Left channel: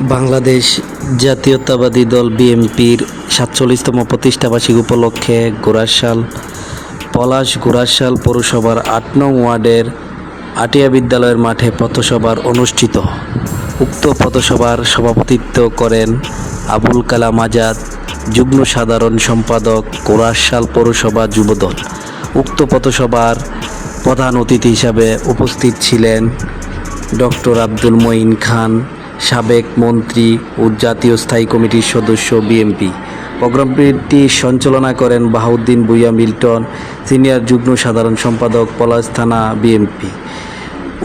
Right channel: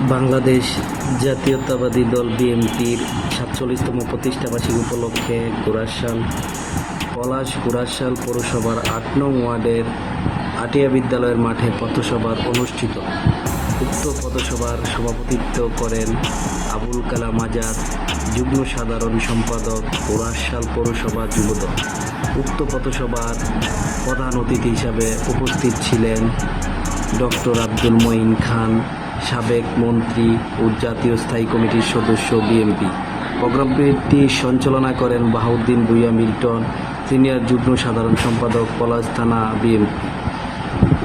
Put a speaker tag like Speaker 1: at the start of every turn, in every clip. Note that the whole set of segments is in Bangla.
Speaker 1: বাংলাদেশ জাতীয়তাবাদী দল বিএনপির সাতচল্লিশতম প্রতিষ্ঠাবার্ষিকী উপলক্ষে গোরাশাল পলাশ গোরাশাল পৌরসভার আট নং ওয়ার্ডের আটিয়া বিদ্যালয়ের মাঠে পথসভার অনুষ্ঠিত। উক্ত পথসভার সভাপতিত্ব করেন আবুল কালাম আজাদ, যুগ্ম সাধারণ সম্পাদক গোরাশাল পৌরসভা যুবদল। উক্ত পথসভার প্রধান অতিথি হিসাবে উপস্থিত ছিলেন ডক্টর আব্দুল মঈন খান সাবেক মন্ত্রী ও জাতীয় স্থায়ী কমিটির সদস্য বিএমপি। প্রোগ্রামটি সঞ্চালনা করেন বাহাউদ্দিন ভুইয়া মিল্টন, সিনিয়র যুগ্ম সাধারণ সম্পাদক পলাশ থানা বিএমপি।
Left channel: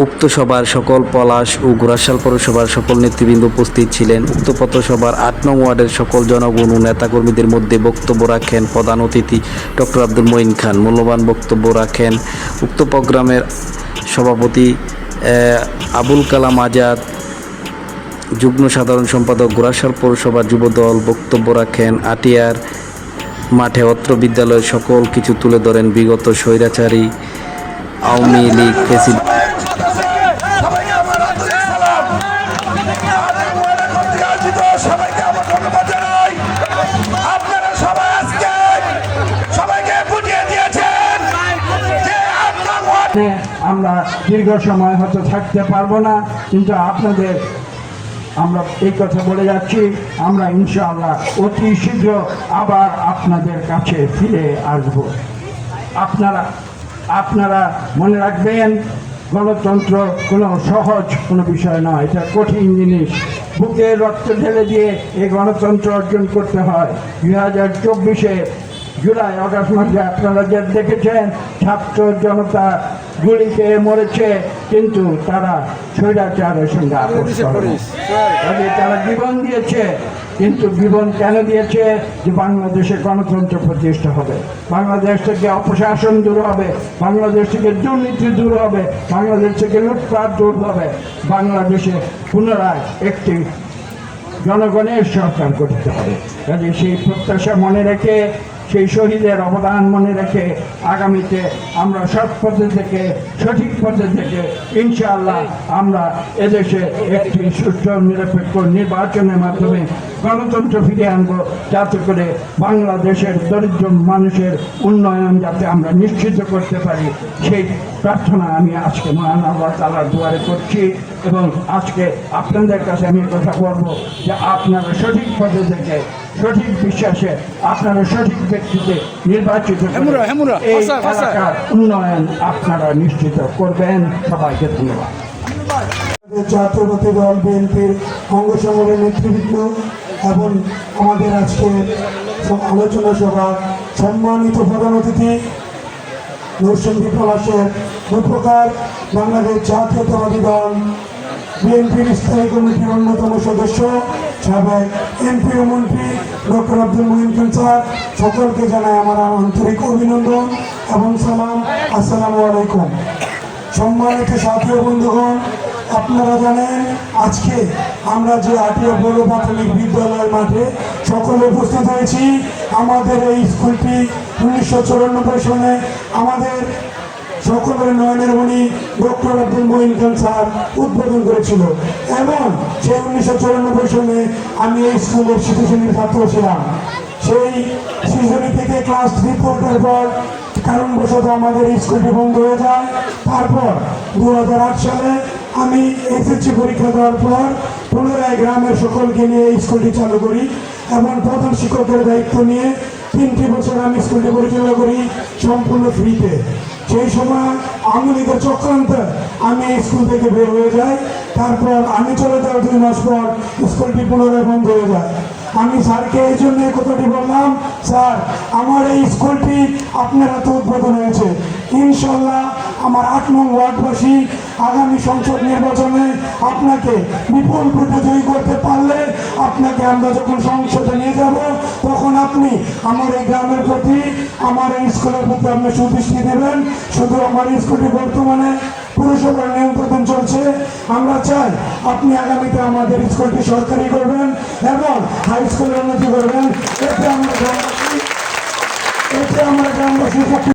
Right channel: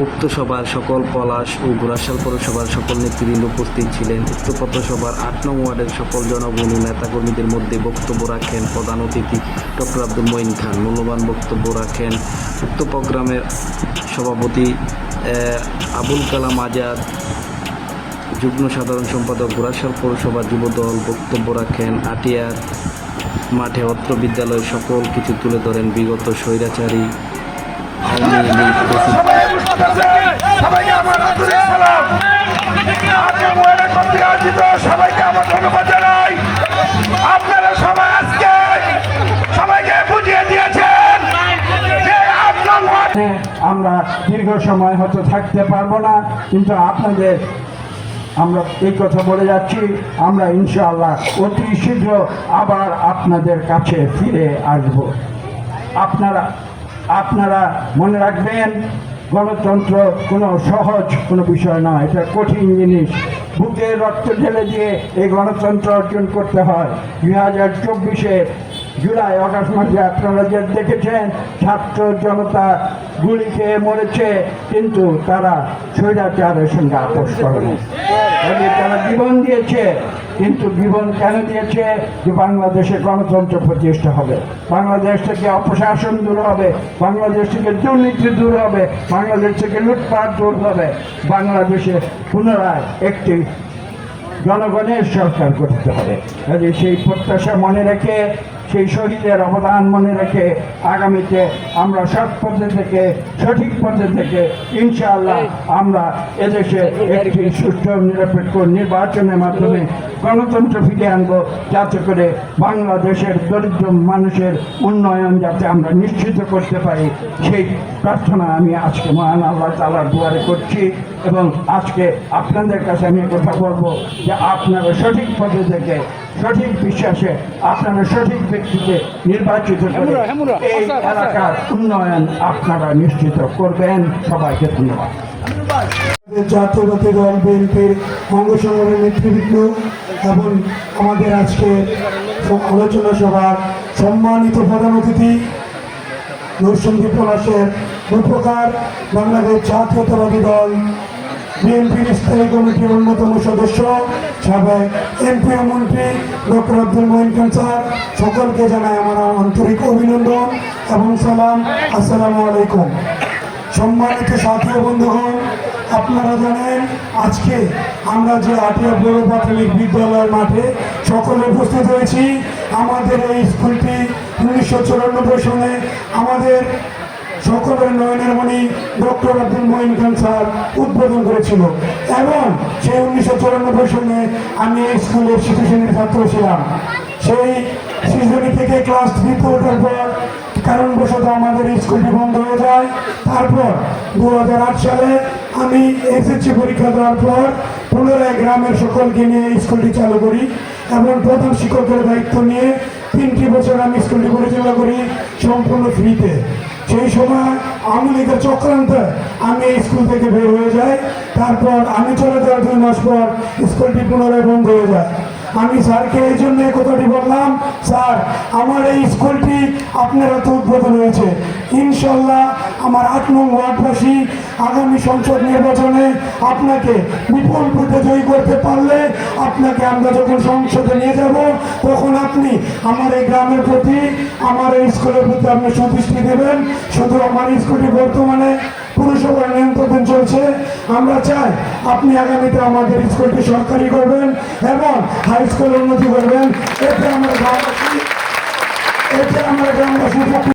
Speaker 1: উক্ত সভার সকল পলাশ ও গোরাশাল পৌরসভার সকল নেতৃবৃন্দ উপস্থিত ছিলেন। উক্ত পথসভার আট নং ওয়ার্ডের সকল জনগণ ও নেতাকর্মীদের মধ্যে বক্তব্য রাখেন প্রধান অতিথি ডক্টর আব্দুল মঈন খান। মূল্যবান বক্তব্য রাখেন উক্ত প্রোগ্রামের সভাপতি আবুল কালাম আজাদ যুগ্ম সাধারণ সম্পাদক গোরাশাল পৌরসভা যুবদল বক্তব্য রাখেন, আটিয়ার মাঠে অত্র বিদ্যালয়ের সকল কিছু তুলে ধরেন বিগত স্বৈরাচারী আওয়ামী লীগ
Speaker 2: আমরা
Speaker 3: দীর্ঘ সময় হয়তো থাকতে পারব না, কিন্তু আপনাদের আমরা এই কথা বলে যাচ্ছি। আমরা ইনশাআল্লাহ অতি শীঘ্র আবার আপনাদের কাছে ফিরে আসব। আপনারা আপনারা মনে রাখবেন, গণতন্ত্র কোনো সহজ কোনো বিষয় নয়। এটা কঠিন জিনিস। বুকে রক্ত ঢেলে দিয়ে এই গণতন্ত্র অর্জন করতে হয়। দুই হাজার চব্বিশে জুলাই, অগাস্ট মাসে আপনারা যে দেখেছেন, ছাত্র জনতা গুলি খেয়ে মরেছে কিন্তু তারা স্বৈরাচারের সঙ্গে আপোষ। কাজে তারা জীবন দিয়েছে কিন্তু জীবন কেন দিয়েছে? যে বাংলাদেশে গণতন্ত্র প্রতিষ্ঠা হবে বাংলাদেশ থেকে অপশাসন দূর হবে বাংলাদেশ থেকে দুর্নীতি দূর হবে বাংলাদেশ থেকে লুটপাট দূর হবে। বাংলাদেশে পুনরায় একটি জনগণের সরকার করতে হবে। কাজে সেই প্রত্যাশা মনে রেখে সেই শহীদের অবদান মনে রেখে আগামীতে আমরা সৎ পথে থেকে, সঠিক পথে থেকে ইনশাআল্লাহ আমরা এদেশে একটি সুষ্ঠু, নিরপেক্ষ নির্বাচনের মাধ্যমে গণতন্ত্র ফিরিয়ে আনব যাতে করে বাংলাদেশের দরিদ্র মানুষের উন্নয়ন যাতে আমরা নিশ্চিত করতে পারি। সেই প্রার্থনা আমি আজকে মহান আল্লাহ তালার দুয়ারে করছি এবং আজকে আপনাদের কাছে আমি কথা বলব যে আপনারা সঠিক পথে থেকে সঠিক বিশ্বাসে আপনারা সঠিক ব্যক্তিকে নির্বাচিত এই এলাকার উন্নয়ন আপনারা নিশ্চিত করবেন। সবাইকে ধন্যবাদ।
Speaker 4: জাতীয়তাবাদী দল বিএনপির অঙ্গ সংগঠনের নেতৃবৃন্দ এবং আমাদের আজকে আলোচনা সভার সম্মানিত প্রধান অতিথি, নরসিংদী পলাশের উপকার বাংলাদেশ জাতীয়তাবাদী দল বিএনপির স্থায়ী কমিটির অন্যতম সদস্য, সাবেক এমপি মন্ত্রী ডক্টর আব্দুল মহিন স্যার সকলকে জানাই আমার আন্তরিক অভিনন্দন এবং সালাম। আসসালামু আলাইকুম। সম্মানিত সাথী ও বন্ধুগণ আপনারা জানেন, আজকে আমরা যে আটিয়া বড় প্রাথমিক বিদ্যালয়ের মাঠে সকলে উপস্থিত হয়েছি। আমাদের এই স্কুলটি উনিশশো চুরানব্বই সনে আমাদের সকলের নয়নের মণি ডক্টর আব্দুল মহিন খান স্যার উদ্বোধন করেছিল। এবং সেই উনিশশো চুরানব্বই সনে আমি এই স্কুলের শিশু শ্রেণির ছাত্র ছিলাম। সেই শিশুরি থেকে ক্লাস থ্রি পড়ার পর কারণবশত আমাদের স্কুলটি বন্ধ হয়ে যায়। তারপর দু হাজার আট সালে আমি এসএসসি পরীক্ষা দেওয়ার পর পুনরায় গ্রামের সকলকে নিয়ে স্কুলটি চালু করি এবং প্রধান শিক্ষকের দায়িত্ব নিয়ে তিনটি বছর আমি স্কুলটি পরিচালনা করি সম্পূর্ণ ফ্রিতে। সেই সময় আওয়ামী লীগের চক্রান্তে আমি স্কুল থেকে বের হয়ে যাই, তারপর আমি চলে যাওয়ার দুই মাস পর স্কুলটি পুনরায় বন্ধ হয়ে যায়। আমি স্যারকে এই জন্য কথাটি বললাম, স্যার, আমার এই স্কুলটি আপনারা তো উদ্বোধন হয়েছে। ইনশাল্লাহ আমার আট নং ওয়ার্ডবাসী আগামী সংসদ নির্বাচনে আপনাকে বিপুল ভোটে জয়ী করতে পারলে আপনাকে আমরা যখন সংসদে নিয়ে যাব, তখন আপনি আমার এই গ্রামের প্রতি, আমার এই স্কুলের প্রতি আপনি সুদৃষ্টি দেবেন। শুধু আমার স্কুলটি বর্তমানে পুরসভার নিয়ন্ত্রণ চলছে। আমরা চাই আপনি আগামীতে আমাদের স্কুলটি সরকারি করবেন এবং হাই স্কুল উন্নতি করবেন। এতে আমরা এতে আমরা গ্রামবাসী